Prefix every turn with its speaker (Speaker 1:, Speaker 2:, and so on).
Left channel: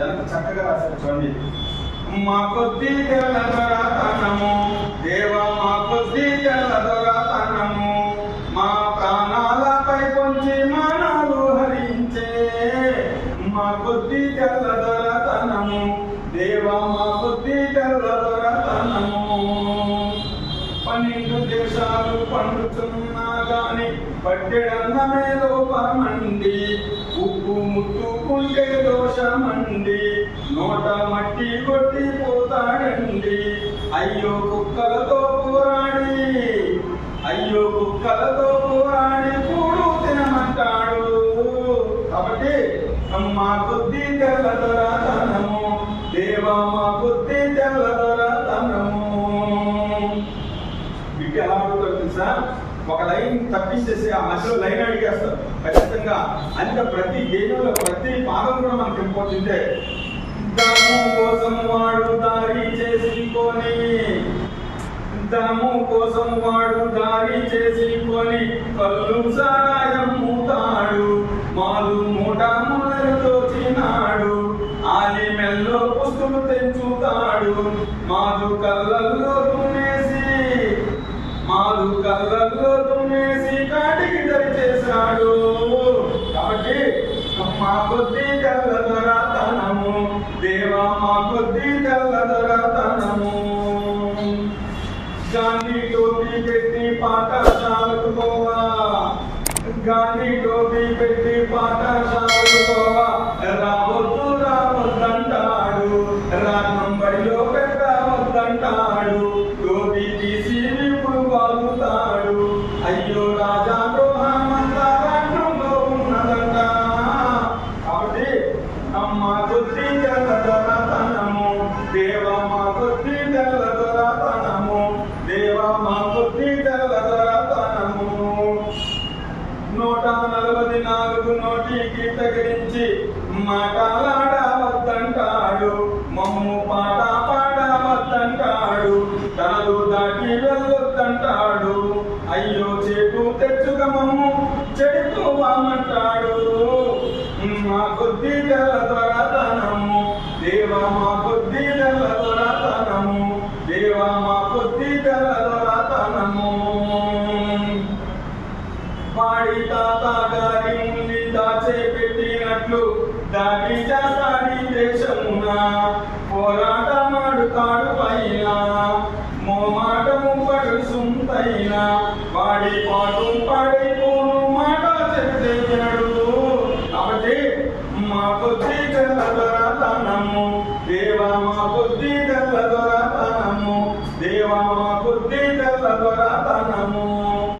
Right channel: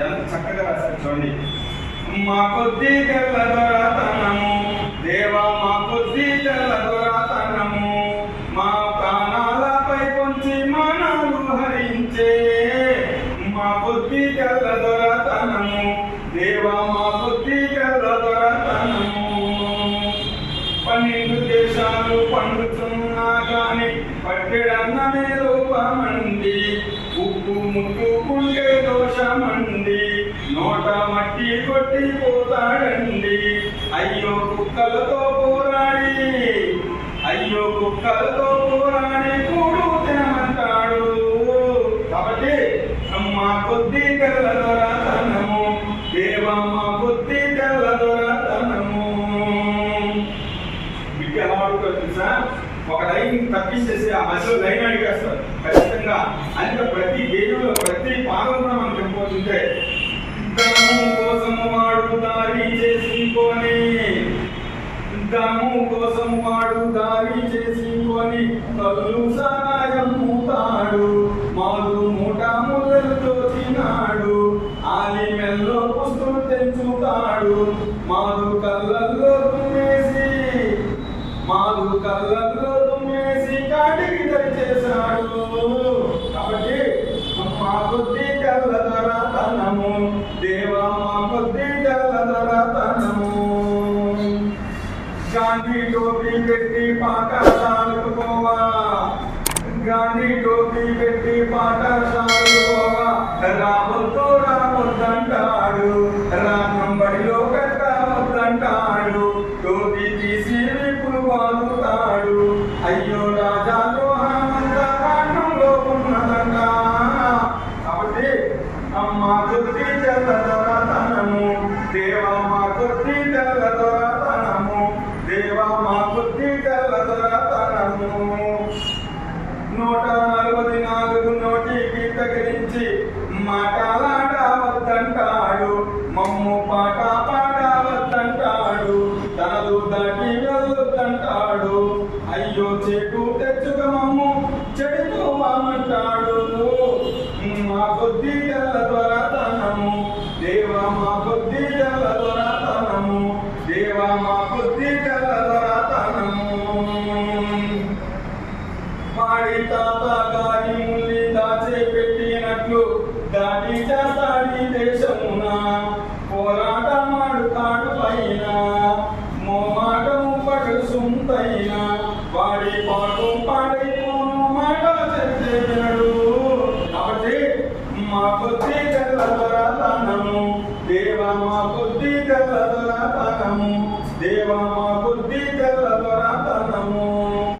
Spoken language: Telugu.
Speaker 1: ఎంత చక్కగా చూసింది మా కొద్ది తెల్లదొరతనము దేవా మా కొద్ది తెల్లదొరతనము మా ప్రాణాలపై పొంచి మనవు హరించే. మా కొద్ది తెల్లదొరతనము దేవా మా కొద్ది తెల్లదొరతనము పన్నెండు దేశాలు పండుతున్నా గాని పట్టెడన్నమే లోపమండి ఉప్పు ముట్టుకు దోషమండి నోట మట్టి కొట్టి పోతాడండి. అయ్యో కుక్కలతో పోరాడి. అయ్యో కుక్కలతో పోరాడి కూడు తినమంటాడు కాబట్టి మా కొద్ది తెల్ల దొరతనము దేవా మా కొద్ది తెల్ల బిడ్డ ఎలా అడుగుతారు తెలుసా? ఒక లైన్ తప్పించేసి ఆ మధ్యలో లైన్ అడిగేస్తారు ఖచ్చితంగా అంత ప్రతి దేవుడు ప్రతి పాదం కూడా మనకి దాము కోసం వాడు దారి చేసుకొని కళ్ళు సాయం మూతాడు. మాలు మూట ముళ్ళతో తినాడు ఆలి మెల్లో పుస్తులు తెంచుతాడు. మాలు కళ్ళల్లో टोपी पेटी पाटा चाल गांधी टोपी पेटी पाटा తగిలించి మాటలాడవద్దంటాడు. మమ్ము పాట పాడవద్దంటాడు. తనదు దాటి వెళ్ళొద్దంటాడు. అయ్యో చేటు తెచ్చుక మమ్ము చెడిపోవామంటాడు. మా కొద్ది తెల్ల దొరతనము. దేవా మా కొద్ది తెల్ల దొరతనము. దేవా మా కొద్ది తెల్ల దాటి చేస్తాడి దేశమున పోరాటమాడుతాడు పైన. మోమాటము పడు సుంతైనా.